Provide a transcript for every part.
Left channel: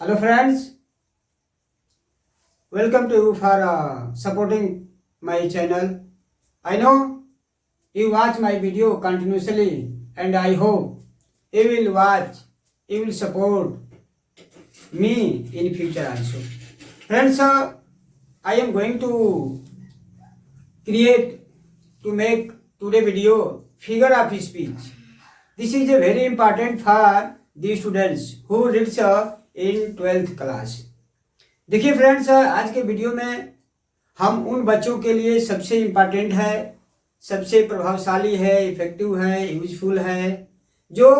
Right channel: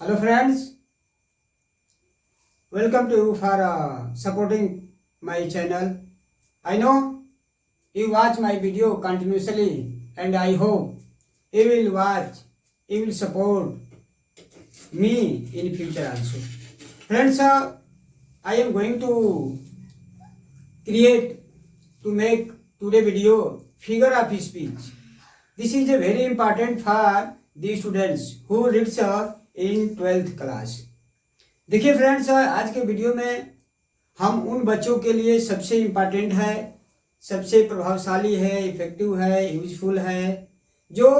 Hello friends, welcome to you for supporting my channel. I know you watch my video continuously and I hope you will watch, you will support me in future also. Friends, I am going to make today video figure of speech. This is a very important for the students who reads in 12th class. देखिए friends, आज के video में हम उन बच्चों के लिए सबसे इम्पॉर्टेंट है, सबसे प्रभावशाली है, इफेक्टिव है, यूजफुल है, जो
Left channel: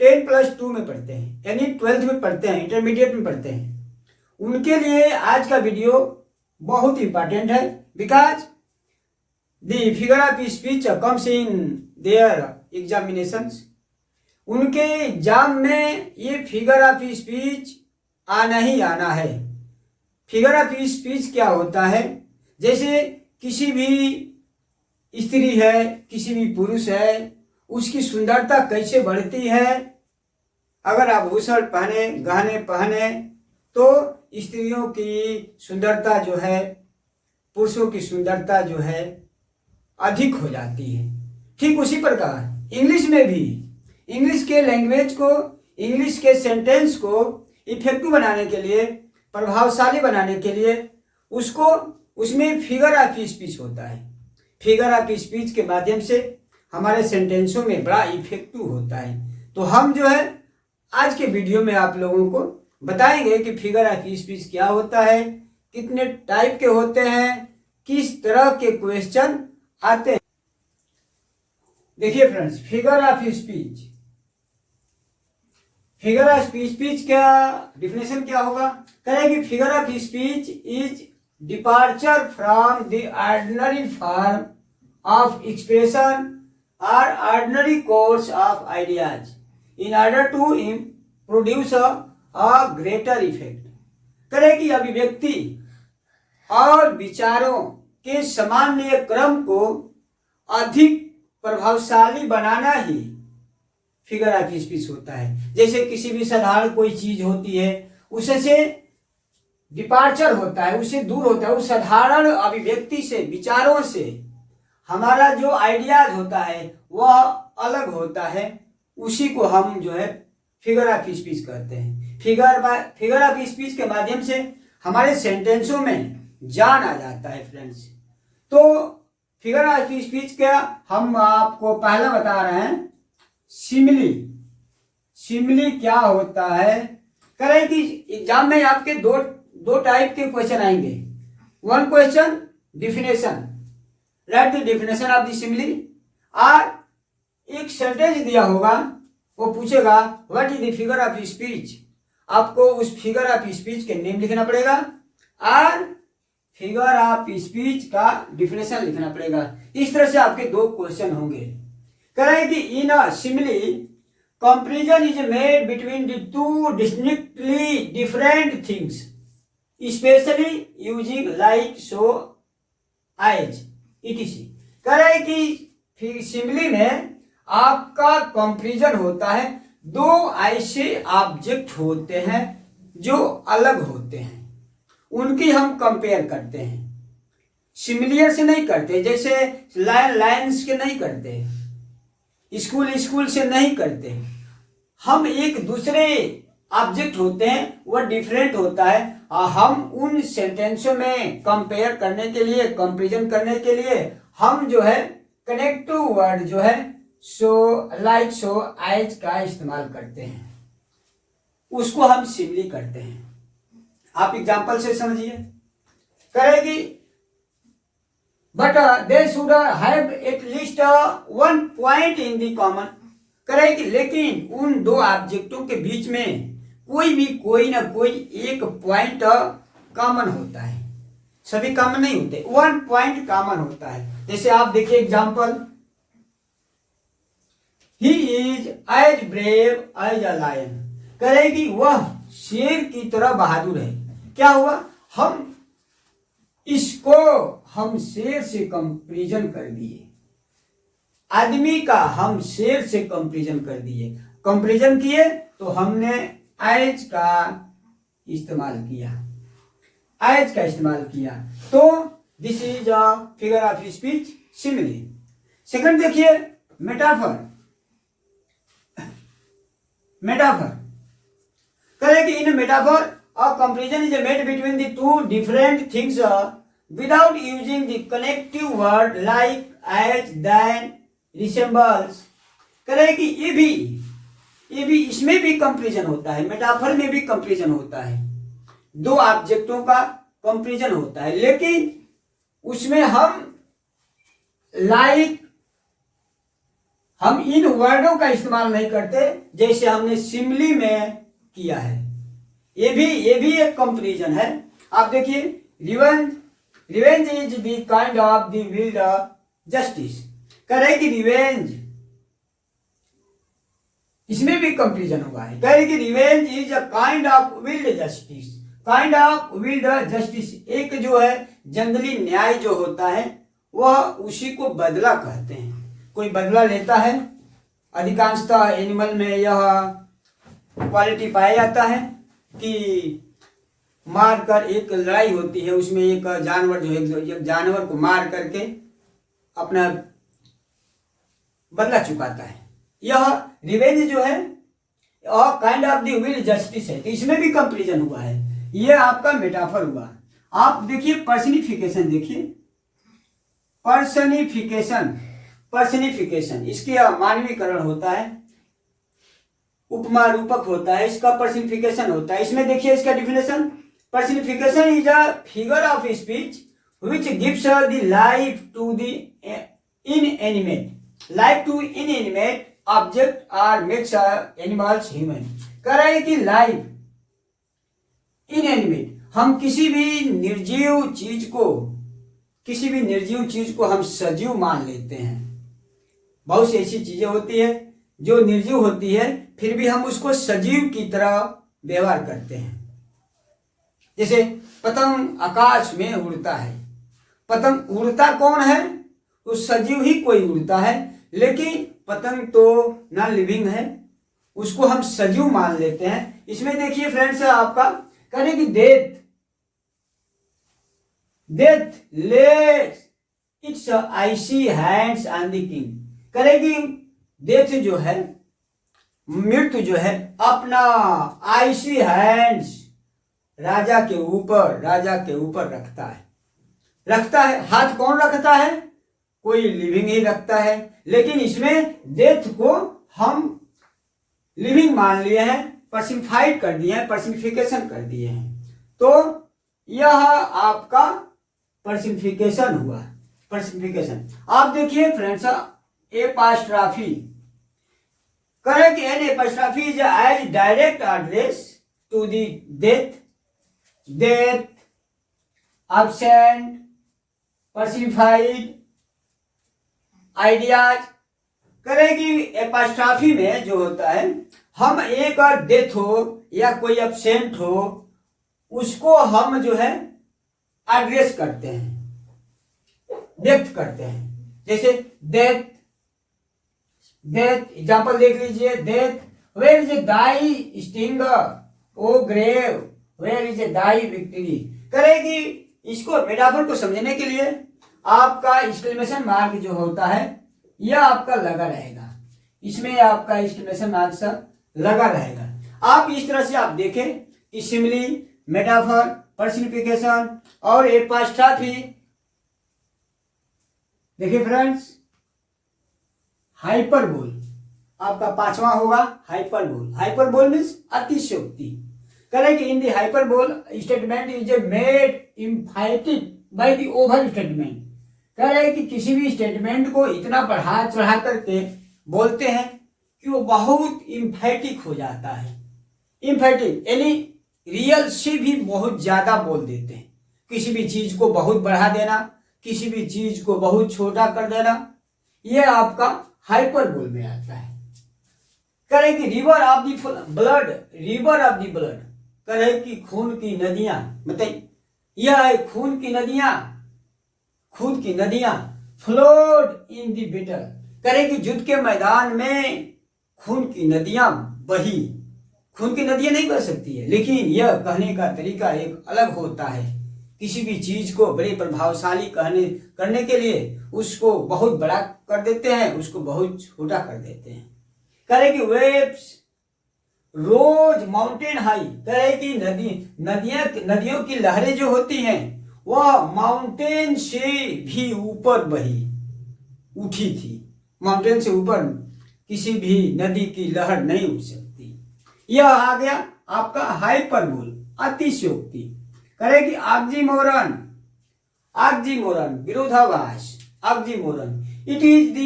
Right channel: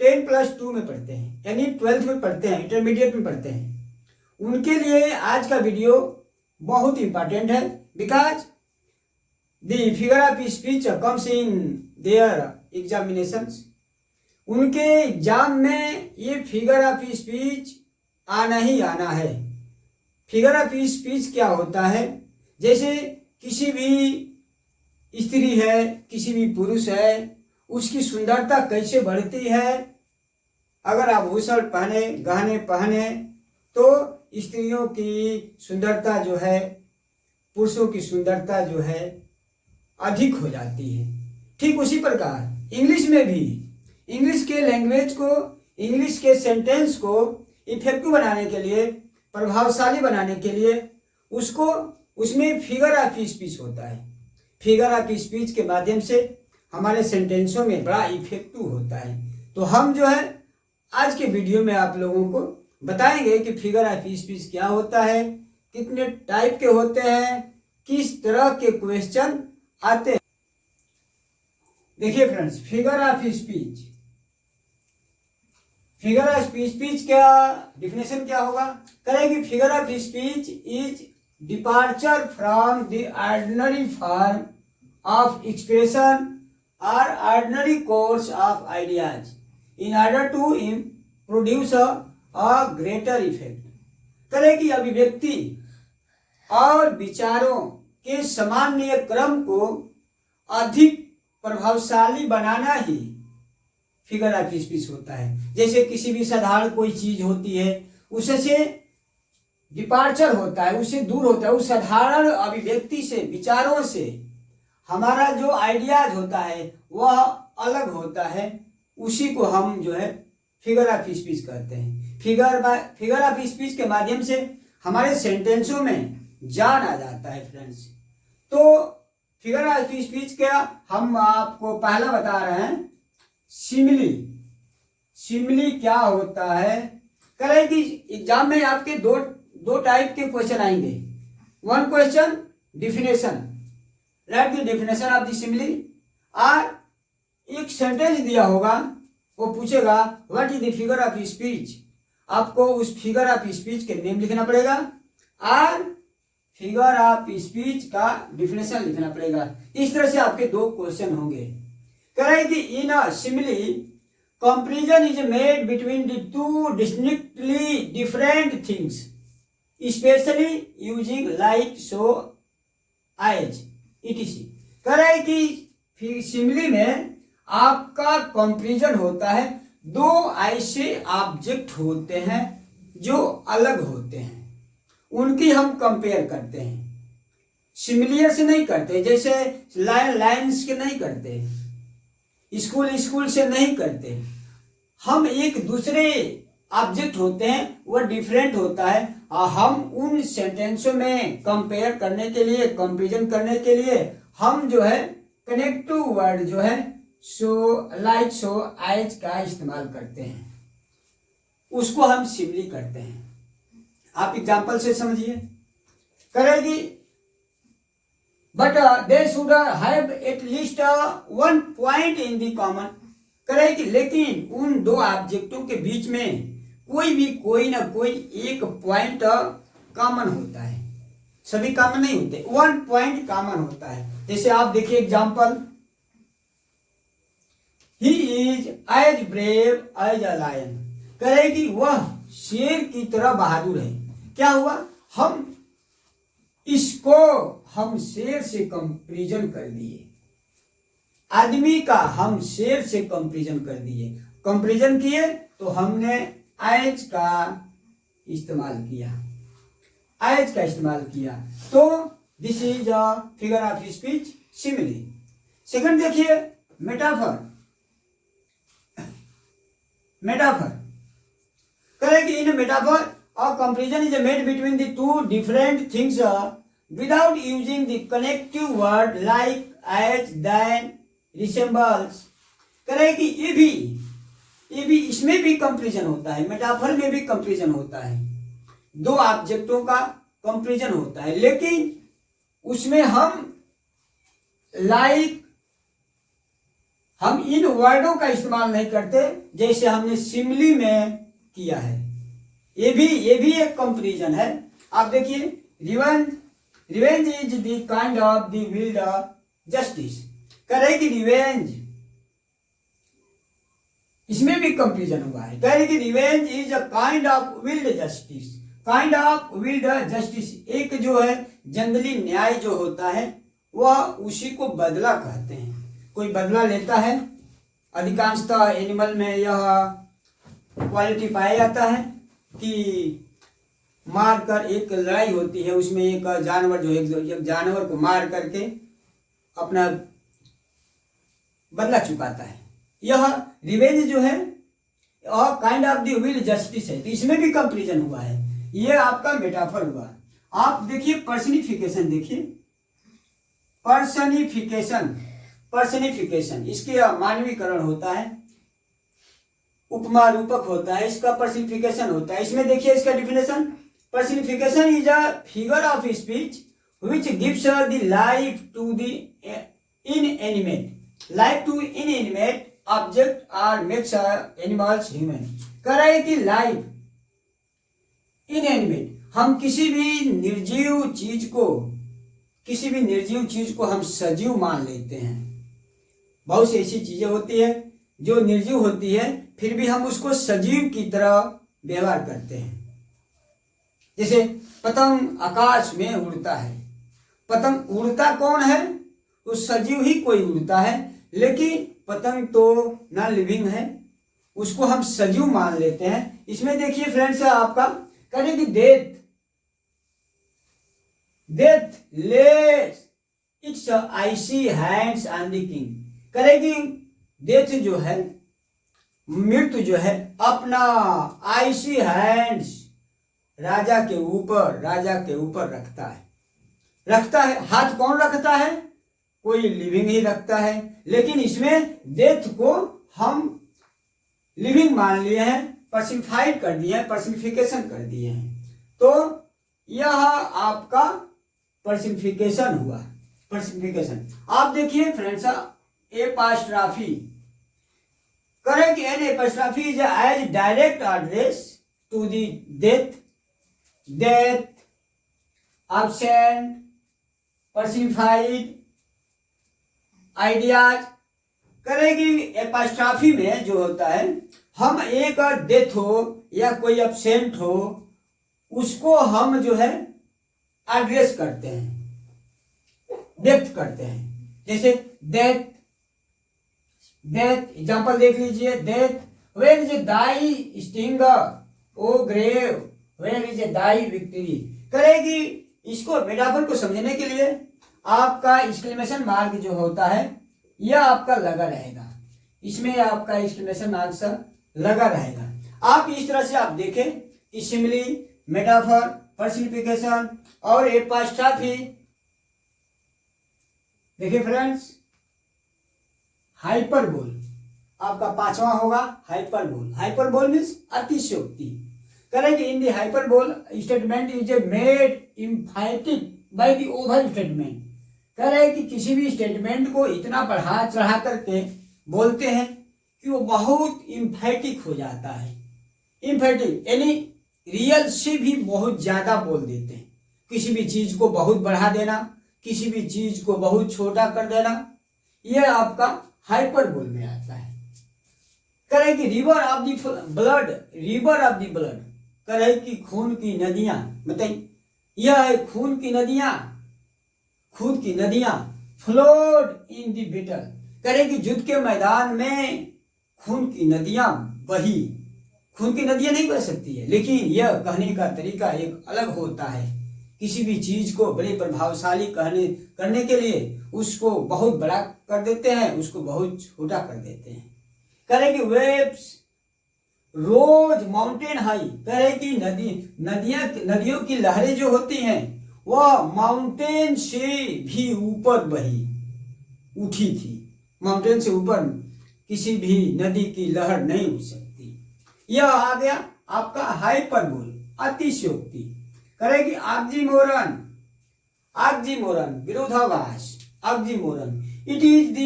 10+2 में पढ़ते हैं, यानी 12th में पढ़ते हैं, इंटरमीडिएट में पढ़ते हैं. उनके लिए आज का वीडियो बहुत इम्पॉर्टेंट है. Because the figure of speech comes in their examinations. उनके एग्जाम में ये फिगर ऑफ स्पीच आना ही आना है. फिगर ऑफ स्पीच क्या होता है? जैसे किसी भी स्त्री है, किसी भी पुरुष है, उसकी सुंदरता कैसे बढ़ती है. अगर आभूषण पहने, गहने पहने, तो स्त्रियों की सुंदरता जो है, पुरुषों की सुंदरता जो है अधिक हो जाती है. ठीक उसी प्रकार इंग्लिश में भी, इंग्लिश के लैंग्वेज को, इंग्लिश के सेंटेंस को इफेक्टिव बनाने के लिए, प्रभावशाली बनाने के लिए उसमें फिगर ऑफ स्पीच होता है. फिगर ऑफ स्पीच के माध्यम से हमारे सेंटेंसों में बड़ा इफेक्टिव होता है. तो हम जो है आज के वीडियो में आप लोगों को बताएंगे कि फिगर ऑफ स्पीच क्या होता है, कितने टाइप के होते हैं, किस तरह के क्वेश्चन आते हैं. देखिए friends, figure of speech, figure of speech क्या डिफिनेशन क्या होगा? कहेंगे figure of speech is departure from the ordinary form of expression और ordinary course of ideas in order to produce a greater effect. करेगी अभिव्यक्ति और विचारों के सामान्य क्रम को अधिक प्रभावशाली बनाना ही फिगर ऑफ स्पीच होता है. जैसे किसी भी साधारण कोई चीज होती है, उससे डिपार्चर होता है, उससे दूर होता है, उस साधारण अभिव्यक्ति से, विचारों से हमारा जो आइडियाज होता है वह अलग होता है. उसी को हम जो है फिगर ऑफ स्पीच कहते हैं. फिगर ऑफ स्पीच के माध्यम से हमारे सेंटेंसों में जान आ जाता है फ्रेंड्स. तो फिगर ऑफ स्पीच क्या, हम आपको पहला बता रहे हैं. सिमिली, सिमिली क्या होता है? करें कि एग्जाम में आपके दो टाइप के क्वेश्चन आएंगे. One question definition, right the definition of the simile. और एक सेंटेंस दिया होगा, वो पूछेगा what is the figure of speech. आपको उस फिगर ऑफ स्पीच के नेम लिखना पड़ेगा और फिगर ऑफ स्पीच का डिफिनेशन लिखना पड़ेगा. इस तरह से आपके दो क्वेश्चन होंगे. करें कि in a simile comparison is made between the two distinctly different things, especially using like, so, as, etc. करें कि सिमिली में आपका कंपैरिजन होता है. दो ऐसे ऑब्जेक्ट होते हैं जो अलग होते हैं, उनकी हम कंपेयर करते हैं. सिमिलियर से नहीं करते, जैसे लाइन्स के नहीं करते, स्कूल से नहीं करते. हम एक दूसरे ऑब्जेक्ट होते हैं, वह डिफरेंट होता है, और हम उन सेंटेंसों में कंपेयर करने के लिए, कंपैरिजन करने के लिए हम जो है कनेक्टिव वर्ड जो है सो, लाइक, सो, एज का इस्तेमाल करते हैं. उसको हम सिमिली करते हैं. आप एग्जाम्पल से समझिए. करेगी but they should have at least one point in the common. करेगी लेकिन उन दो ऑब्जेक्टों के बीच में कोई ना कोई एक पॉइंट कॉमन होता है. सभी कॉमन नहीं होते, वन पॉइंट कॉमन होता है. जैसे आप देखिए example, he is as brave as a lion. करेगी वह शेर की तरह बहादुर है. क्या हुआ? हम शेर से कंपैरिजन कर दिए. आदमी का हम शेर से कंपैरिजन कर दिए. कंपैरिजन किए तो हमने एज का इस्तेमाल किया, एज का इस्तेमाल किया। तो this is a figure of speech simile. Second देखिए मेटाफर। मेटाफर करें कि in metaphor a comparison is made between the two different things without using the connective word like as, then, resembles. करें कि ये भी इसमें भी कंपैरिजन होता है, मेटाफर में भी कंपैरिजन होता है, दो ऑब्जेक्टों का कंपैरिजन होता है, लेकिन उसमें हम इन वर्डों का इस्तेमाल नहीं करते जैसे हमने सिमिली में किया है। ये भी एक कंपैरिजन है। आप देखिए revenge is the kind of the wild justice. करें कि रिवेंज, इसमें भी कंपैरिजन हुआ है। कह रहे कि revenge is a kind of wild justice. Kind of wild justice, एक जो है जंगली न्याय जो होता है वह उसी को बदला कहते हैं। कोई बदला लेता है, अधिकांशतः एनिमल में यह क्वालिटी पाया जाता है कि मारकर, एक लड़ाई होती है उसमें एक जानवर जो एक जानवर को मार करके अपना बदला चुकाता है। यह रिवेंज जो है और kind of the will justice है। तो इसमें भी कंपैरिजन हुआ है। ये आपका मेटाफर हुआ। आप देखिए पर्सनिफिकेशन, देखिए पर्सनिफिकेशन इसके मानवीकरण होता है, उपमा रूपक होता है, इसका पर्सनिफिकेशन होता है। इसमें देखिए इसका definition, personification is a figure of speech which gives the life to the inanimate object और मेक्स एनिमल्स ह्यूमन। कह रहे हैं कि लाइफ इनएनिमेट, हम किसी भी निर्जीव चीज को हम सजीव मान लेते हैं। बहुत सी ऐसी चीजें होती है जो निर्जीव होती है, फिर भी हम उसको सजीव की तरह व्यवहार करते हैं। जैसे पतंग आकाश में उड़ता है, पतंग उड़ता कौन है? तो सजीव ही कोई उड़ता है, लेकिन पतंग तो नॉन लिविंग है, उसको हम सजीव मान लेते हैं। इसमें देखिए फ्रेंड्स आपका करें कि death lets its icy hands on the king. करेगी डेथ जो है, मृत्यु जो है, अपना आइसी हैंड्स राजा के ऊपर रखता है। हाथ कौन रखता है? कोई लिविंग ही रखता है, लेकिन इसमें डेथ को हम लिविंग मान लिए हैं, पर्सनिफाइड कर दिए हैं, पर्सनिफिकेशन कर दिए हैं। तो यह आपका पर्सनिफिकेशन हुआ। पर्सनिफिकेशन आप देखिए फ्रेंड्स, एपॉस्ट्रॉफी करें कि an apostrophe is as direct address to the death absent personified ideas. करेगी एपॉस्ट्रॉफी में जो होता है, हम एक डेथ हो या कोई एब्सेंट हो, उसको हम जो है एड्रेस करते हैं, व्यक्त करते हैं। जैसे डेथ एग्जांपल देख लीजिए, death where is thy sting O grave where is thy victory. करेगी इसको मेटाफर को समझने के लिए आपका एक्सक्लेमेशन मार्क जो होता है यह आपका लगा रहेगा, इसमें आपका एक्सक्लेमेशन मार्क लगा रहेगा। आप इस तरह से आप देखें कि सिमिली, मेटाफर, पर्सनिफिकेशन और एपॉस्ट्रॉफी। देखिए फ्रेंड्स, हाइपरबोल आपका पांचवा होगा, हाइपरबोल मीन्स अतिशयोक्ति। Correct in the hyperbole statement is made एम्फैटिक by the over statement. कह रहे हैं कि किसी भी स्टेटमेंट को इतना बढ़ा चढ़ा करके बोलते हैं कि वो बहुत एम्फैटिक हो जाता है। एम्फैटिक यानी रियल से भी बहुत ज्यादा बोल देते हैं। किसी भी चीज को बहुत बढ़ा देना, किसी भी चीज को बहुत छोटा कर देना, यह आपका हाइपरबोल में आता है। कहे कि रिवर ऑफ द ब्लड, कहे कि खून की नदियां, बताइए यह है खून की नदियां फ्लोड इन द बैटल। कहे कि युद्ध के मैदान में खून की नदियां बही, खून की नदियां नहीं बह सकती है, लेकिन यह कहने का तरीका एक अलग होता है। किसी भी चीज को बड़े प्रभावशाली करने के लिए उसको बहुत बड़ा कर देते हैं, उसको बहुत छोटा कर देते हैं। कह कि वेव्स रोज माउंटेन हाई, कह कि नदियों की लहरें जो होती हैं वह माउंटेन से भी ऊपर बही उठी थी। माउंटेन से ऊपर किसी भी नदी की लहर नहीं उठ सकती। यह आ गया आपका हाइपरबोल, अतिशयोक्ति। करेगी ऑक्सीमोरन विरोधाभास, oxymoron it is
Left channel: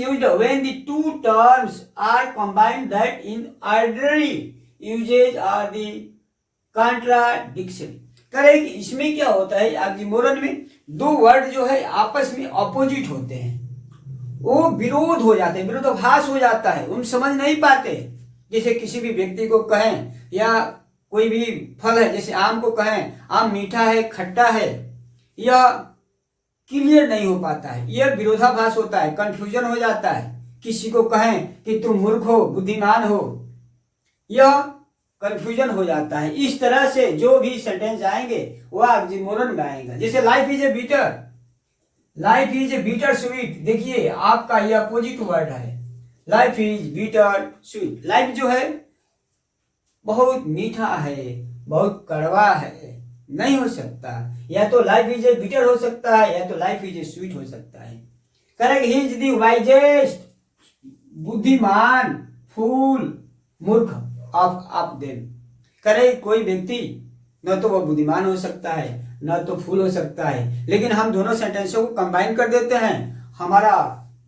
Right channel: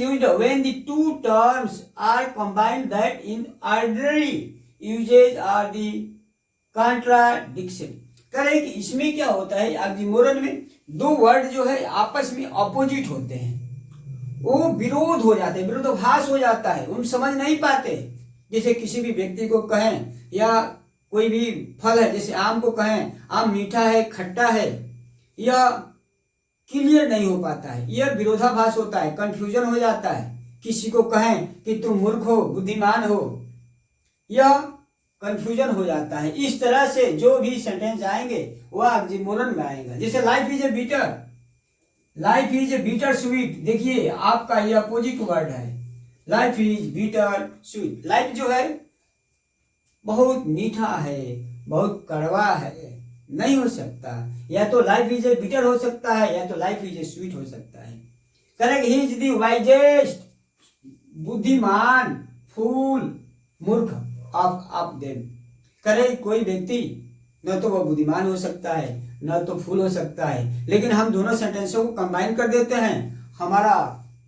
used when the two terms are combined that in ordinary usage are the contradiction। करेगी इसमें क्या होता है, ऑक्सीमोरन में दो वर्ड जो है आपस में अपोजिट होते हैं, वो विरोध हो जाते हैं, विरोधाभास हो जाता है, उन समझ नहीं पाते। जैसे किसी भी व्यक्ति को कहें या कोई भी फल है, जैसे आम को कहें आम मीठा है खट्टा है, या क्लियर नहीं हो पाता है, यह विरोधाभास होता है, कंफ्यूजन हो जाता है। किसी को कहें कि तुम मूर्ख हो बुद्धिमान हो, यह कंफ्यूजन हो जाता है। इस तरह से जो भी सेंटेंस आएंगे वह ऑक्सीमोरन में आएगा। जैसे life is a bitter sweet, देखिए आपका यह अपोजिट वर्ड है, life is bitter sweet. Life जो है बहुत मीठा है, बहुत कड़वा है, नहीं हो सकता। या तो लाइफ इज ए बिटर हो सकता है, या तो लाइफ इज ए स्वीट हो सकता है। Correct, he is the wisest, बुद्धिमान, फूल, मूर्ख ऑफ देम। करे कोई व्यक्ति न तो वह बुद्धिमान हो सकता है न तो फूल हो सकता है, लेकिन हम दोनों सेंटेंसों को कंबाइन कर देते हैं, हमारा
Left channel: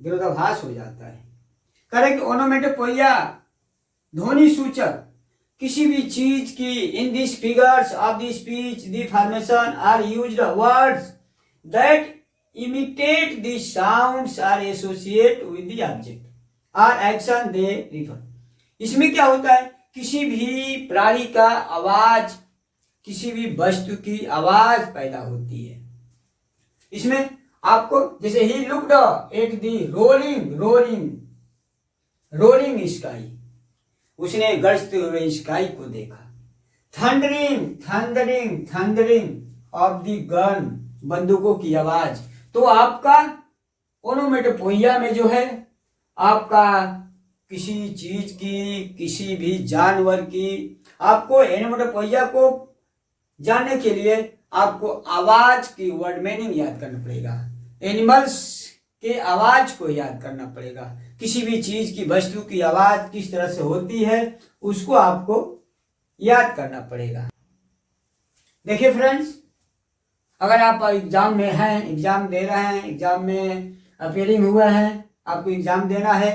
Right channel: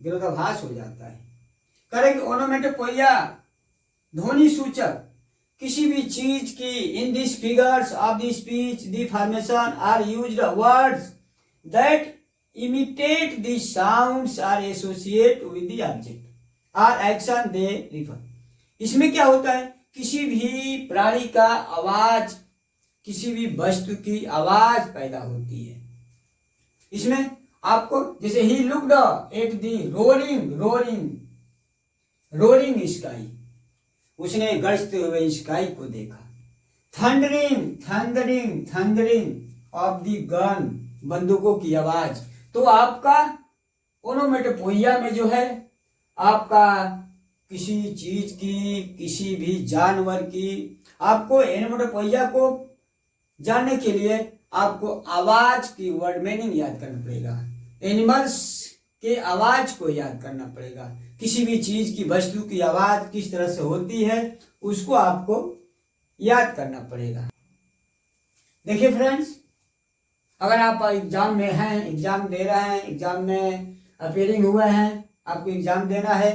विरोधाभास हो जाता है। करेक्ट, ओनोमेटोपोइया ध्वनि सूचक, किसी भी चीज की in this figures of the speech the formation are used words that imitate the sounds are associate with the object or action they refer. इसमें क्या होता है, किसी भी प्राणी का आवाज, किसी भी वस्तु की आवाज पैदा होती है। इसमें आपको जैसे he looked at the roaring sky, उसने गरजते हुए स्काई को देखा। थंडरिंग ऑफ द गन, बंदूकों की आवाज। तो आपका ओनोमेटोपोइया में जो है आपका किसी चीज की, किसी भी जानवर की, आपको ओनोमेटोपोइया को जानने के लिए आपको आवाज की वर्ड मीनिंग याद करना पड़ेगा, एनिमल्स के आवाज को याद करना पड़ेगा। किसी भी चीज की, वस्तु की आवाज किस तरह से होती है उसको आपको याद करना पड़ेगा। देखिए फ्रेंड्स, अगर आप एग्जाम में हैं, एग्जाम दे रहे हैं, एग्जाम में अपीयरिंग हुए हैं, आपको एग्जाम देना है,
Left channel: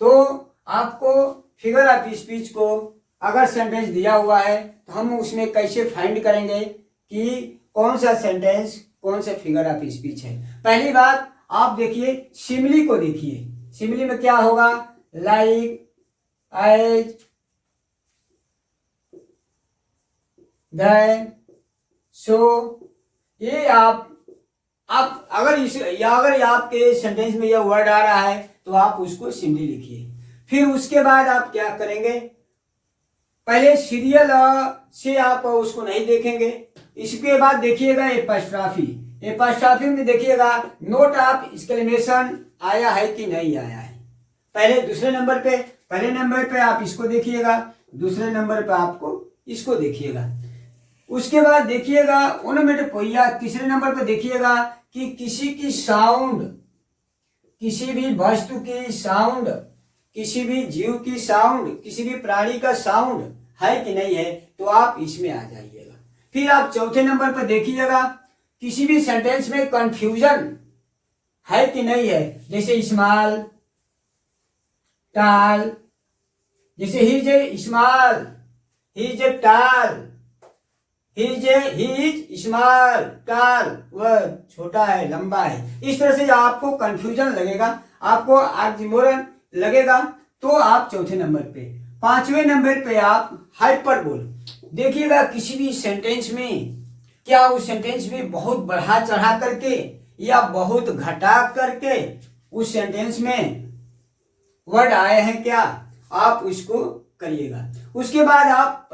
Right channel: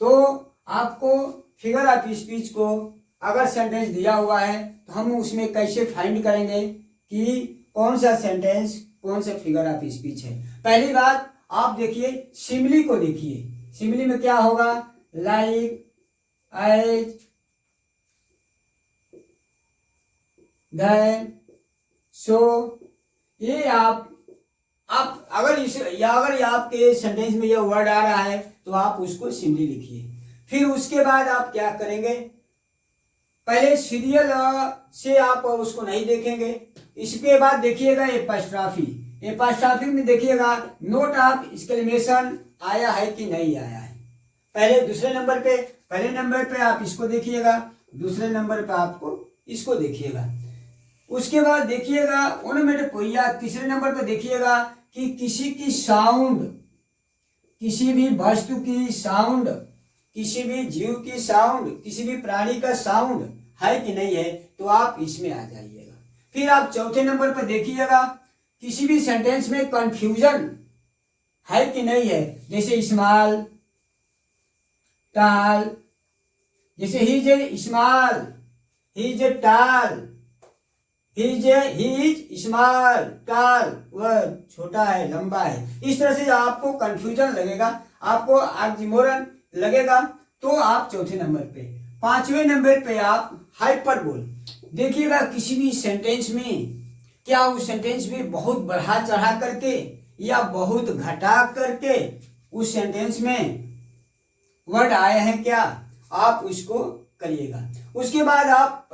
तो आपको फिगर ऑफ स्पीच को अगर सेंटेंस दिया हुआ है तो हम उसमें कैसे फाइंड करेंगे कि कौन सा सेंटेंस कौन सा फिगर ऑफ स्पीच है। पहली बात आप देखिए, सिमिली को देखिए। सिमिली में क्या होगा, लाइक, एज, देन, सो। ये आप अगर आपके सेंटेंस में यह वर्ड आ रहा है तो आप उसको सिमिली लिखिए। फिर उसके बाद आप क्या करेंगे, पहले सीरियल से आप उसको नहीं देखेंगे, इसके बाद देखिएगा एपॉस्ट्रॉफी में देखिएगा नोट ऑफ एक्सक्लेमेशन आया है कि नहीं आया है। पहले नंबर पे आप इसको देखिएगा, दूसरे नंबर पे आपको इसको देखिएगा। उसके बाद देखिएगा ओनोमेटोपोइया, तीसरे नंबर पे देखिएगा कि किसी की साउंड, किसी भी वस्तु की साउंड, किसी भी जीव की साउंड, किसी भी प्राणी का साउंड है कि नहीं है, तो आप इसमें आ जाइएगा। फिर आप चौथे नंबर पर देखिएगा किसी भी सेंटेंस में कंफ्यूजन है कि नहीं है, जैसे स्मॉल, टाल, जैसे he is small, he is टाल, ही इज स्मॉल, टाल, वह छोटा है, लंबा है। इस तरह से आपको कंफ्यूजन लगेगा, आपको ऑक्सीमोरन लगेगा, तो आप चौथे नंबर पे। पांचवें नंबर पे आप हाइपरबोल देखिएगा। किसी भी सेंटेंस में क्या उस सेंटेंस में बहुत बढ़ा चढ़ा करके या बहुत घटा करके उस सेंटेंस में वर्ड आए हैं क्या, आप उसको करिएगा। उसके बाद आप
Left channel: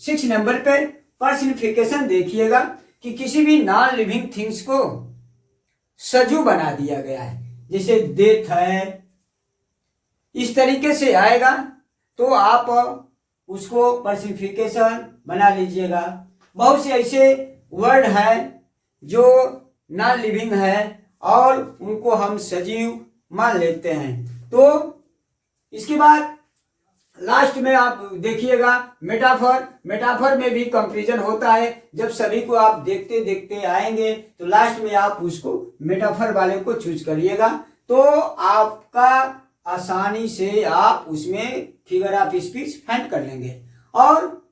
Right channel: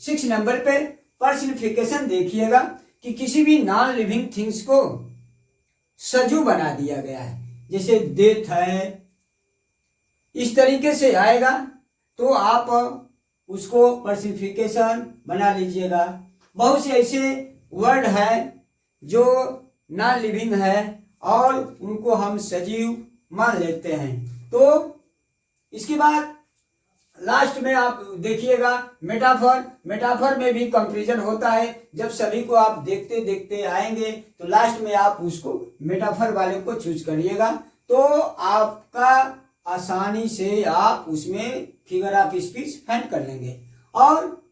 6 नंबर पे पर्सनिफिकेशन देखिएगा कि किसी भी नॉन लिविंग थिंग्स को सजू बना दिया गया है, जैसे डेथ है, इस तरीके से आएगा तो आप उसको पर्सनिफिकेशन बना लीजिएगा। बहुत से ऐसे वर्ड है जो नॉन लिविंग है और उनको हम सजीव मान लेते हैं। तो इसके बाद लास्ट में आप देखिएगा मेटाफर में भी कंपैरिजन होता है। जब सभी को आप देखते देखते आएंगे तो लास्ट में आप उसको मेटाफर वाले को चूज करिएगा, तो आपका आसानी से आप उसमें फिगर ऑफ स्पीच फाइंड कर लेंगे। और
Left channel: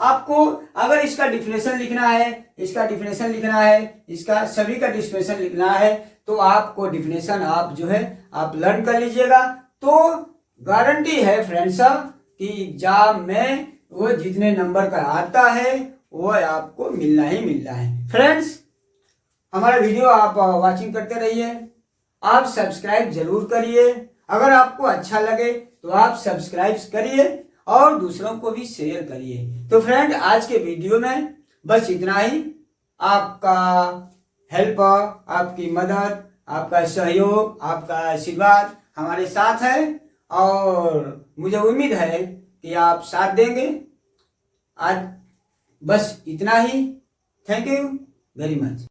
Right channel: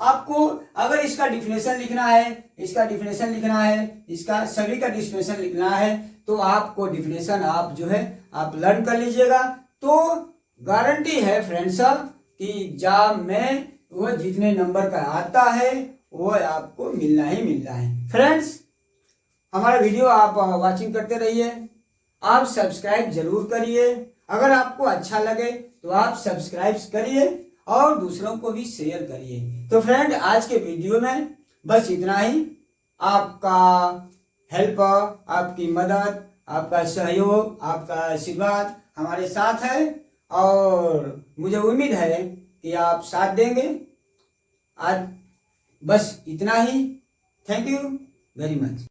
आपको अगर इसका डिफिनेशन लिखना है, इसका डिफिनेशन लिखना है, इसका सभी का डिफिनेशन लिखना है, तो आपको डिफिनेशन आप जो है आप लर्न कर लीजिएगा। तो गारंटी है फ्रेंड्स कि एग्जाम में वो जितने नंबर का आता है वो आपको मिलना ही मिलना है। फ्रेंड्स, हमारा वीडियो आप वाचिंग करते रहिए, आप सब्सक्राइब जरूर करिए। अगर आपको अच्छा लगे तो आप सब्सक्राइब करिए और दूसरों को भी शेयर करिए। तो फ्रेंड, आज के वीडियो में बस इतना ही। आपका हेल्प, आपकी मदद, आपका सहयोग, आपका आशीर्वाद हमारे साथ है और मुझे उम्मीद है कि आप साथ देंगे। आज बस इतना ही। Thank you very much.